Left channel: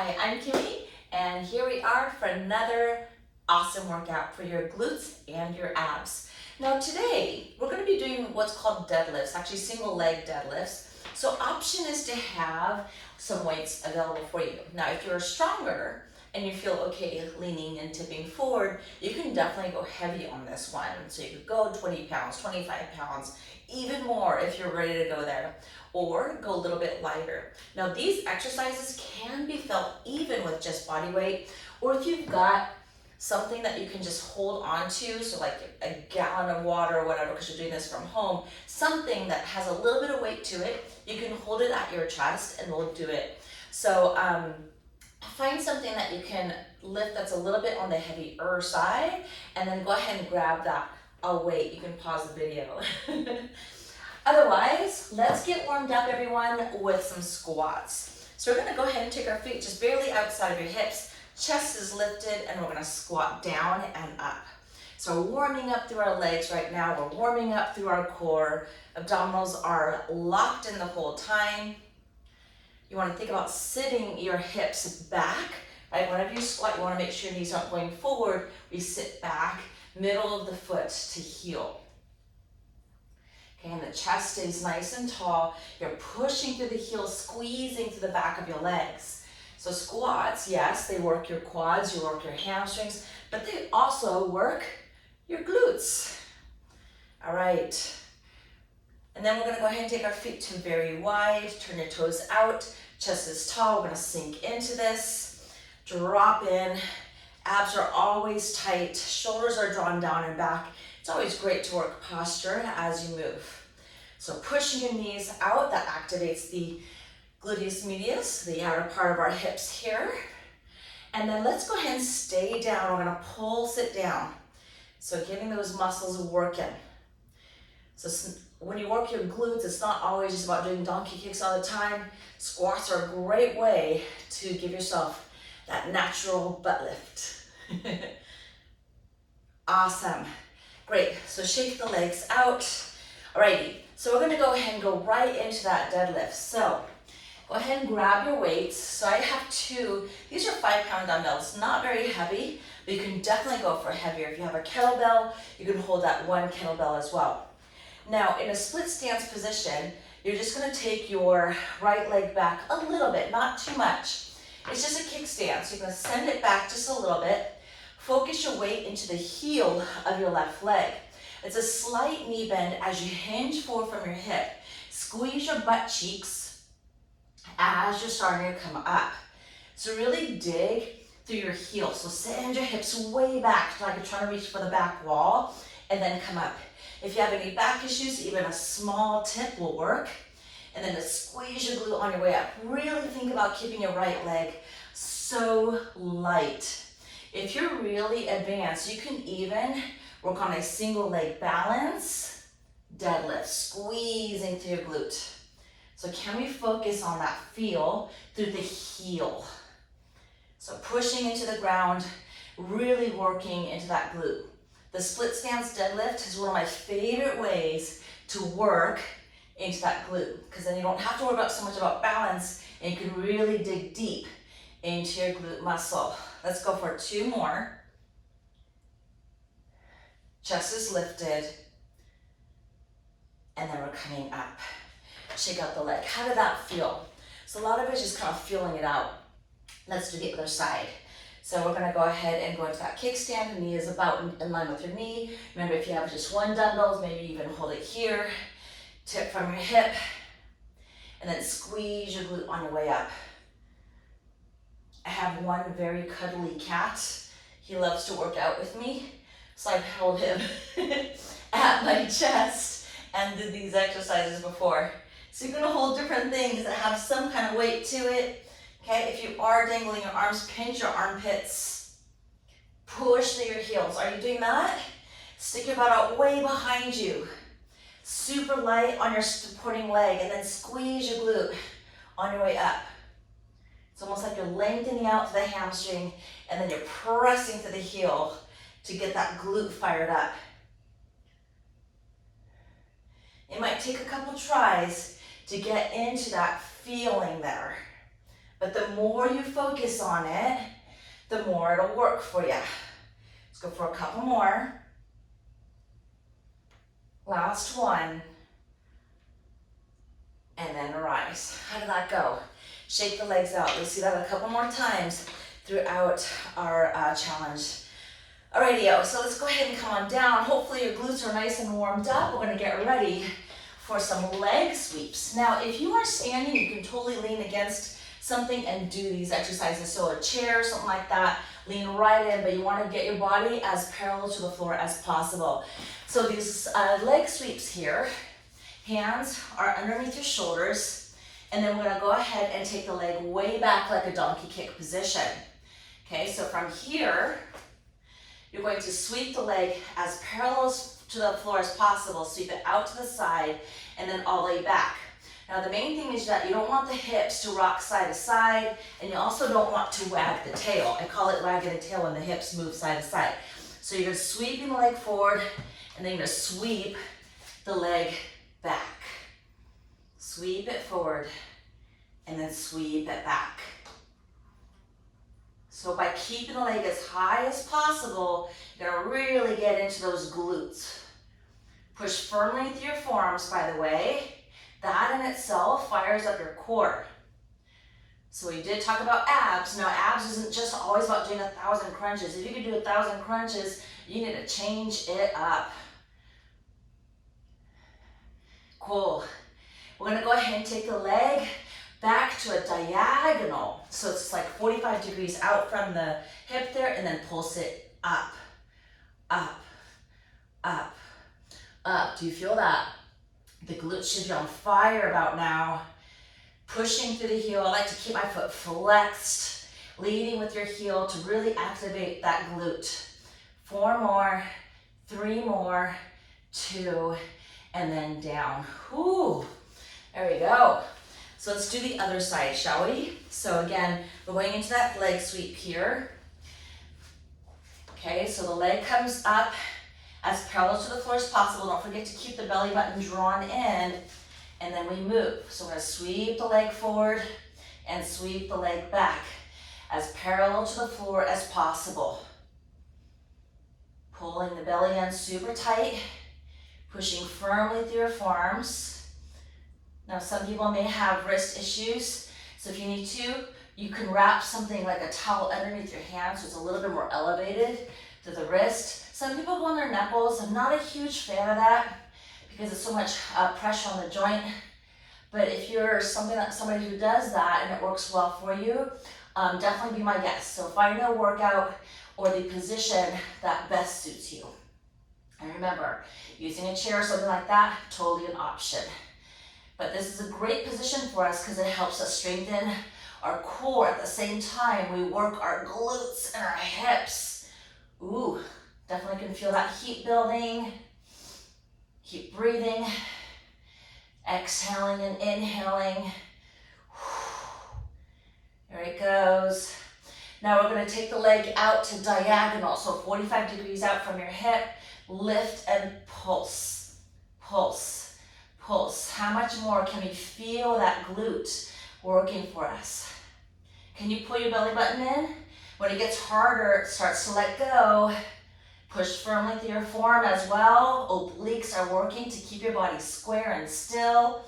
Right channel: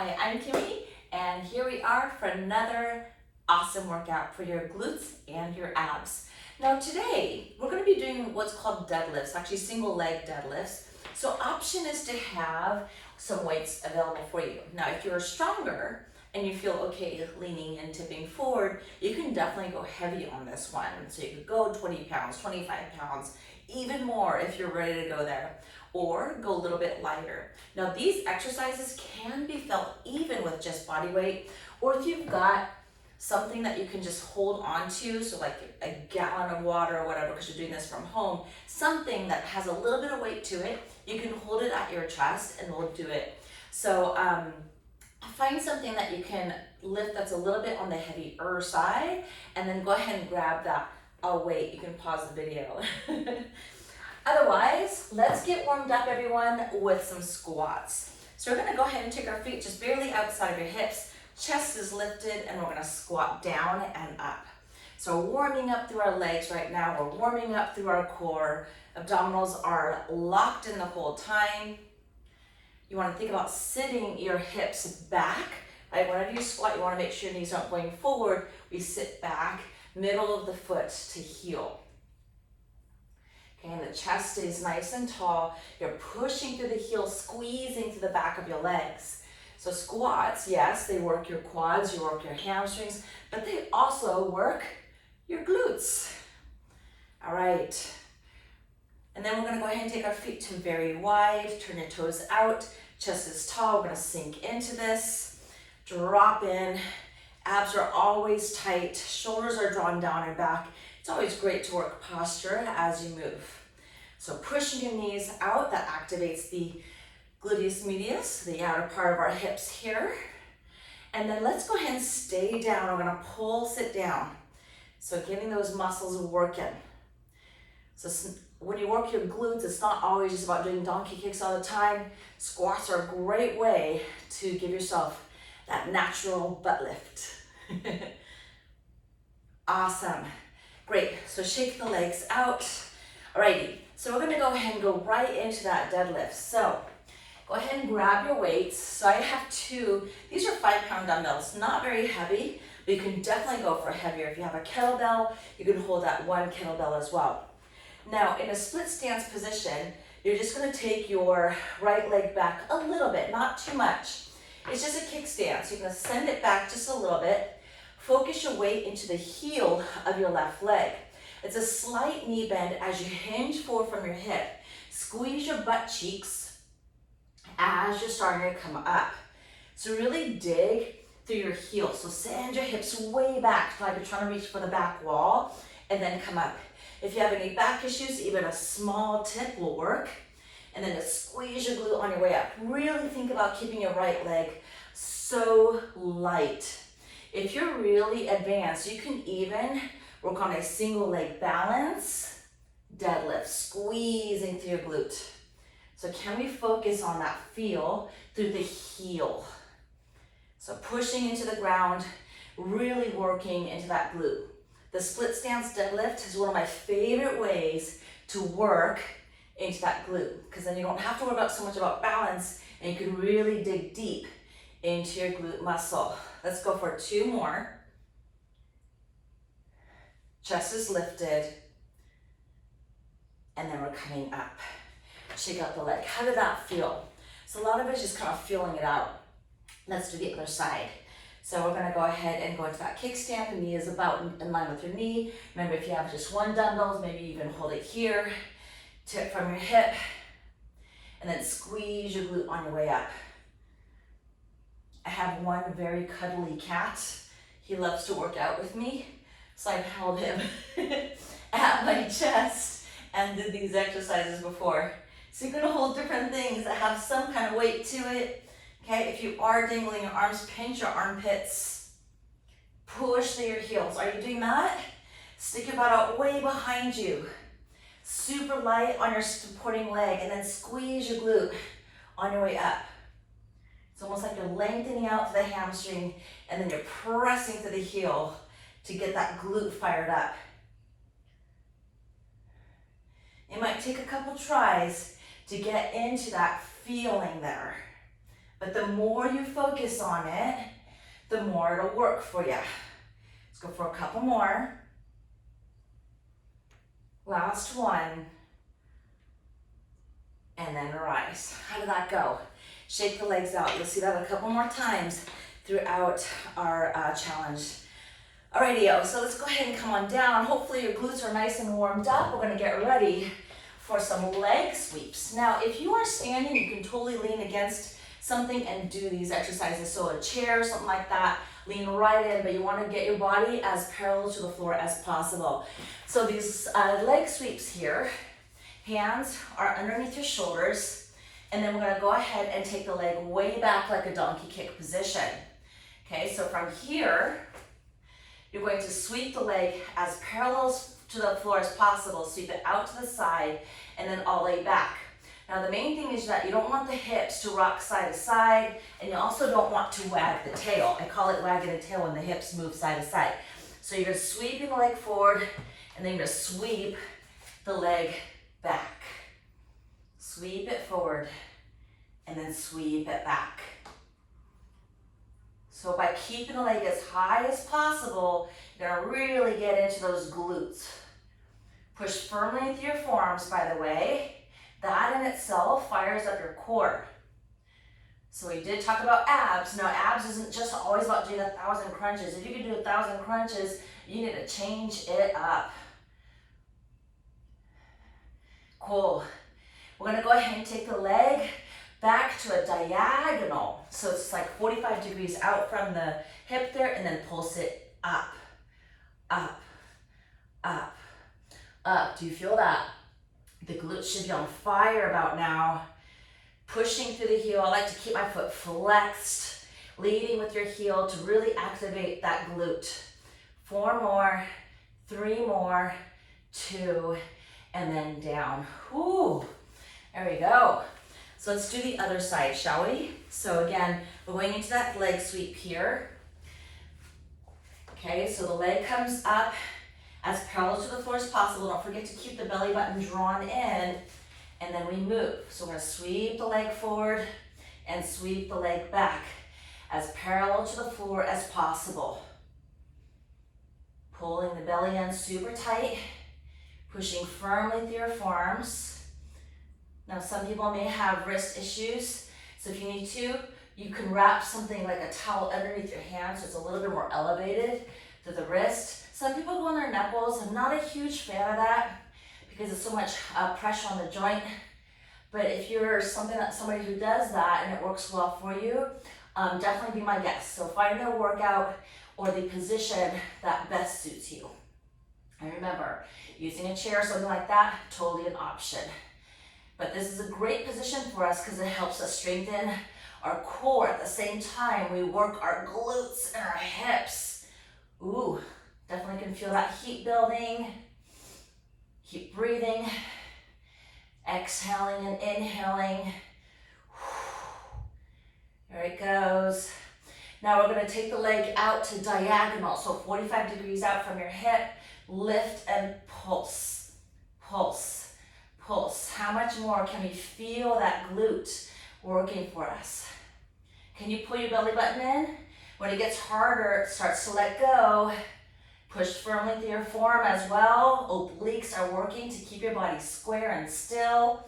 Hi, I'm Kimmy, and here we are for another awesome workout for your glutes and your abs. Now today, we're going to be doing what's called deadlifts, actually single leg deadlifts. So option is to have some weights available for you. Now if you're stronger and you feel okay leaning and tipping forward, you can definitely go heavy on this one. So you could go 20 pounds, 25 pounds, even more if you're ready to go there, or go a little bit lighter. Now these exercises can be felt even with just body weight, or if you've got something that you can just hold on to, so like a gallon of water or whatever, because you're doing this from home, something that has a little bit of weight to it, you can hold it at your chest and we'll do it. So find something that you can lift that's a little bit on the heavier side, and then go ahead and grab that. I'll wait, you can pause the video. Otherwise, let's get warmed up, everyone, with some squats. So we're gonna go ahead and take our feet just barely outside of your hips, chest is lifted, and we're gonna squat down and up. So warming up through our legs right now, we're warming up through our core, abdominals are locked in the whole time. You wanna think about sitting your hips back, right? Whenever you squat, you wanna make sure your knees aren't going forward. We sit back, middle of the foot to heel. Okay, and the chest stays nice and tall. You're pushing through the heels, squeezing through the back of your legs. So squats, yes, they work your quads, you work your hamstrings, but they also work your glutes. All right. And then we're gonna go ahead and take our feet to very wide, turn your toes out, chest is tall, we're gonna sink into this, drop in, abs are always tight, shoulders are drawn down and back. It's always great to work posture as you move. So pushing your knees out, that activates the gluteus medius, the outer part of our hips here. And then let's go ahead and stay down. We're gonna pull, sit down. So getting those muscles working. So when you work your glutes, it's not always just about doing donkey kicks all the time. Squats are a great way to give yourself that natural butt lift. Awesome. Great, so shake the legs out. Alrighty, so we're gonna go ahead and go right into that deadlift. So go ahead and grab your weights. So I have two, these are 5-pound dumbbells, not very heavy, but you can definitely go for heavier. If you have a kettlebell, you can hold that one kettlebell as well. Now in a split stance position, you're just gonna take your right leg back a little bit, not too much. It's just a kickstand, so you're gonna send it back just a little bit. Focus your weight into the heel of your left leg. It's a slight knee bend as you hinge forward from your hip. Squeeze your butt cheeks as you're starting to come up. So really dig through your heel. So send your hips way back, like you're trying to reach for the back wall, and then come up. If you have any back issues, even a small tip will work. And then just squeeze your glute on your way up. Really think about keeping your right leg so light. If you're really advanced, you can even work on a single leg balance, deadlift, squeezing through your glute. So can we focus on that feel through the heel? So pushing into the ground, really working into that glute. The split stance deadlift is one of my favorite ways to work into that glute, because then you don't have to worry about so much about balance, and you can really dig deep into your glute muscle. Let's go for 2 more. Chest is lifted. And then we're coming up. Shake out the leg. How did that feel? So a lot of it is just kind of feeling it out. Let's do the other side. So we're gonna go ahead and go into that kickstand. The knee is about in line with your knee. Remember, if you have just one dumbbell, maybe even hold it here. Tip from your hip. And then squeeze your glute on your way up. I have one very cuddly cat. He loves to work out with me. So I've held him at my chest and did these exercises before. So you're gonna hold different things that have some kind of weight to it. Okay, if you are dangling your arms, pinch your armpits. Push through your heels. Are you doing that? Stick your butt out way behind you. Super light on your supporting leg, and then squeeze your glute on your way up. It's almost like you're lengthening out the hamstring, and then you're pressing to the heel to get that glute fired up. It might take a couple tries to get into that feeling there, But the more you focus on it, the more it'll work for you. Let's go for a couple more. Last one. And then rise. How did that go? Shake the legs out. Let's do that a couple more times throughout our challenge. Alrighty, so let's go ahead and come on down. Hopefully your glutes are nice and warmed up. We're gonna get ready for some leg sweeps. Now, if you are standing, you can totally lean against something and do these exercises. So a chair, something like that, lean right in, but you wanna get your body as parallel to the floor as possible. So these leg sweeps here, hands are underneath your shoulders, and then we're gonna go ahead and take the leg way back like a donkey kick position. Okay, so from here, you're going to sweep the leg as parallel to the floor as possible, sweep it out to the side, and then all the way back. Now the main thing is that you don't want the hips to rock side to side, and you also don't want to wag the tail. I call it wagging the tail when the hips move side to side. So you're just sweeping the leg forward, and then you're gonna sweep the leg back. Sweep it forward, and then sweep it back. So by keeping the leg as high as possible, you're gonna really get into those glutes. Push firmly into your forearms, by the way. That in itself fires up your core. So we did talk about abs. Now abs isn't just always about doing 1,000 crunches. If you could do 1,000 crunches, you need to change it up. Cool. We're gonna go ahead and take the leg back to a diagonal. So it's like 45 degrees out from the hip there, and then pulse it up, up, up, up. Do you feel that? The glutes should be on fire about now. Pushing through the heel. I like to keep my foot flexed, leading with your heel to really activate that glute. 4 more, 3 more, 2, and then down. Ooh, there we go. So let's do the other side, shall we? So again, we're going into that leg sweep here. Okay, so the leg comes up as parallel to the floor as possible. Don't forget to keep the belly button drawn in, and then we move. So we're gonna sweep the leg forward and sweep the leg back as parallel to the floor as possible. Pulling the belly in super tight, pushing firmly through your forearms. Now some people may have wrist issues, so if you need to, you can wrap something like a towel underneath your hand so it's a little bit more elevated to the wrist. Some people go on their knuckles. I'm not a huge fan of that because it's so much pressure on the joint. But if you're somebody who does that and it works well for you, definitely be my guest. So find a workout or the position that best suits you. And remember, using a chair or something like that, totally an option. But this is a great position for us because it helps us strengthen our core. At the same time, we work our glutes and our hips. Ooh, definitely can feel that heat building. Keep breathing. Exhaling and inhaling. There it goes. Now we're going to take the leg out to diagonal, so 45 degrees out from your hip. Lift and pulse. Pulse. Pulse. How much more can we feel that glute working for us? Can you pull your belly button in? When it gets harder, it starts to let go. Push firmly through your forearm as well. Obliques are working to keep your body square and still.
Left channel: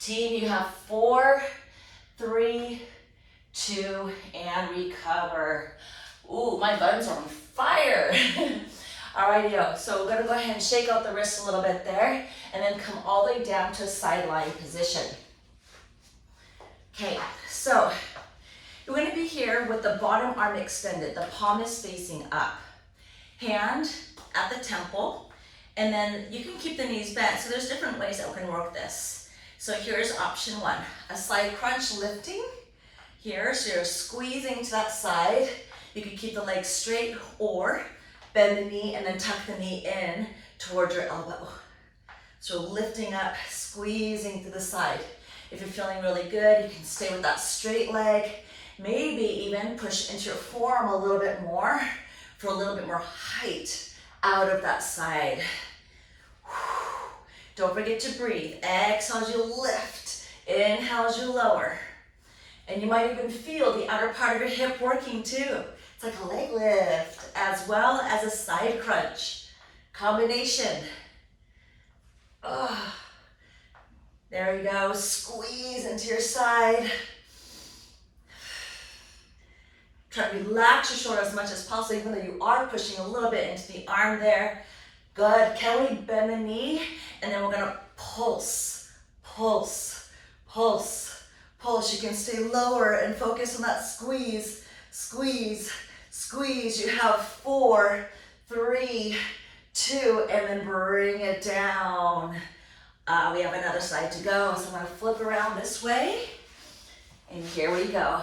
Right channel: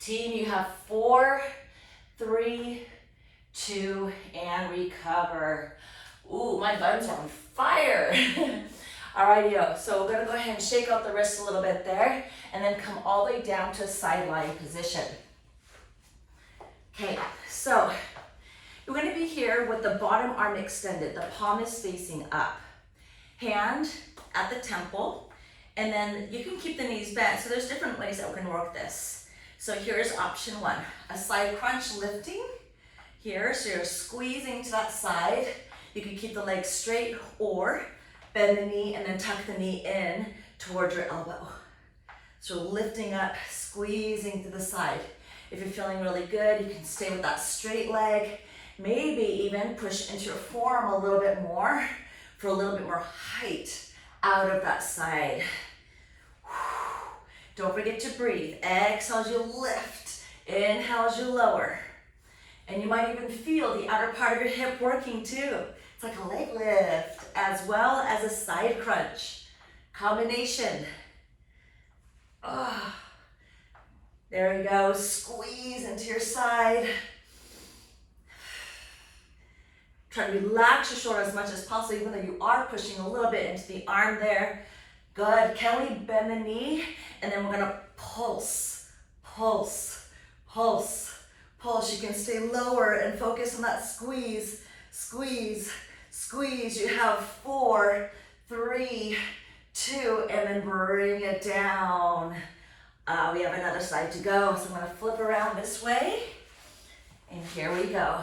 Team, you have 4, 3, 2, and recover. Ooh, my buttons are on fire. Alrighty, so we're gonna go ahead and shake out the wrists a little bit there, and then come all the way down to a side lying position. Okay, so you're gonna be here with the bottom arm extended. The palm is facing up. Hand at the temple, and then you can keep the knees bent. So there's different ways that we can work this. So here's option 1, a side crunch lifting here. So you're squeezing to that side. You can keep the legs straight or bend the knee and then tuck the knee in towards your elbow. So lifting up, squeezing to the side. If you're feeling really good, you can stay with that straight leg. Maybe even push into your forearm a little bit more for a little bit more height out of that side. Don't forget to breathe. Exhale as you lift. Inhale as you lower. And you might even feel the outer part of your hip working too. It's like a leg lift as well as a side crunch. Combination. Oh, there we go. Squeeze into your side. Try to relax your shoulder as much as possible, even though you are pushing a little bit into the arm there. Good. Can we bend the knee? And then we're gonna pulse, pulse, pulse, pulse. You can stay lower and focus on that squeeze, squeeze, squeeze. You have 4, 3, 2, and then bring it down. We have another side to go, so I'm gonna flip around this way. And here we go.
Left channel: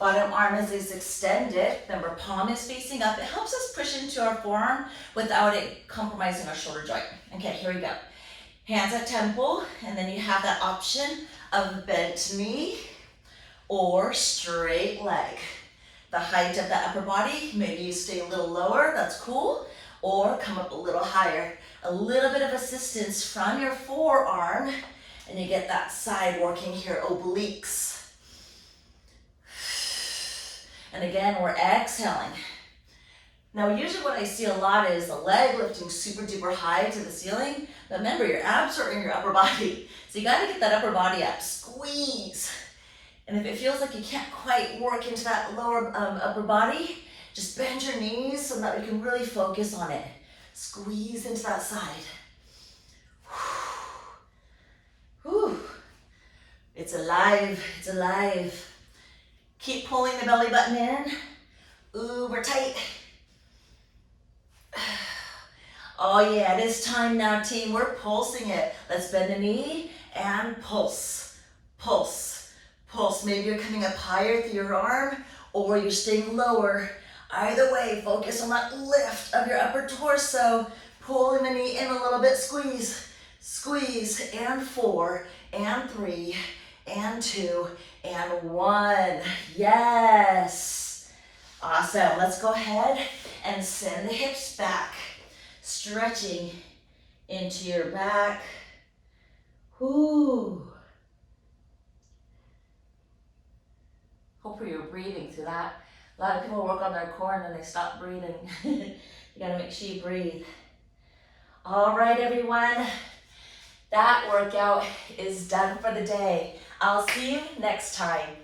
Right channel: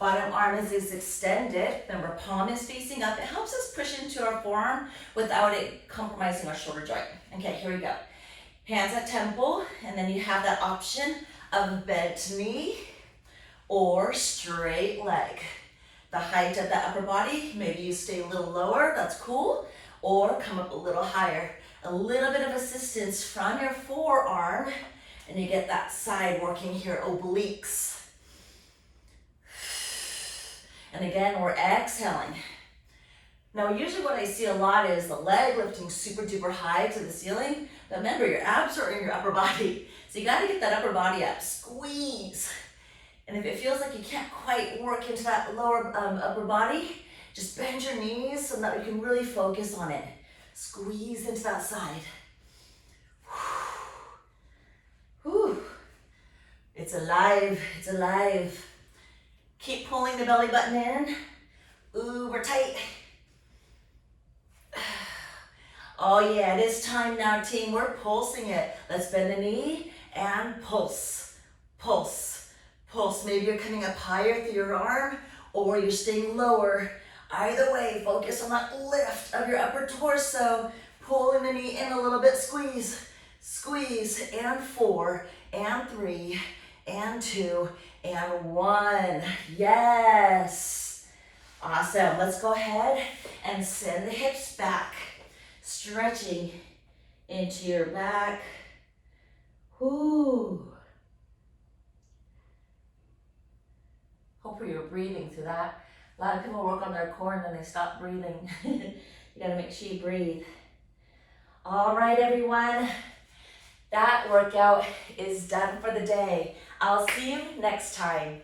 Bottom arm is extended. Remember, palm is facing up. It helps us push into our forearm without it compromising our shoulder joint. Okay, here we go. Hands at temple, and then you have that option of bent knee or straight leg. The height of the upper body, maybe you stay a little lower, that's cool, or come up a little higher. A little bit of assistance from your forearm, and you get that side working here, obliques. And again, we're exhaling. Now, usually what I see a lot is the leg lifting super duper high to the ceiling. But remember, your abs are in your upper body. So you gotta get that upper body up, squeeze. And if it feels like you can't quite work into that lower upper body, just bend your knees so that you can really focus on it. Squeeze into that side. Whew. It's alive, it's alive. Keep pulling the belly button in. Ooh, we're tight. Oh yeah, it is time now, team. We're pulsing it. Let's bend the knee and pulse, pulse, pulse. Maybe you're coming up higher through your arm or you're staying lower. Either way, focus on that lift of your upper torso. Pulling the knee in a little bit, squeeze, squeeze, and 4, and 3, and 2, and 1. Yes. Awesome. Let's go ahead and send the hips back. Stretching into your back. Whoo. Hopefully you're breathing through that. A lot of people work on their core and then they stop breathing. You gotta make sure you breathe. All right, everyone. That workout is done for the day. I'll see you next time.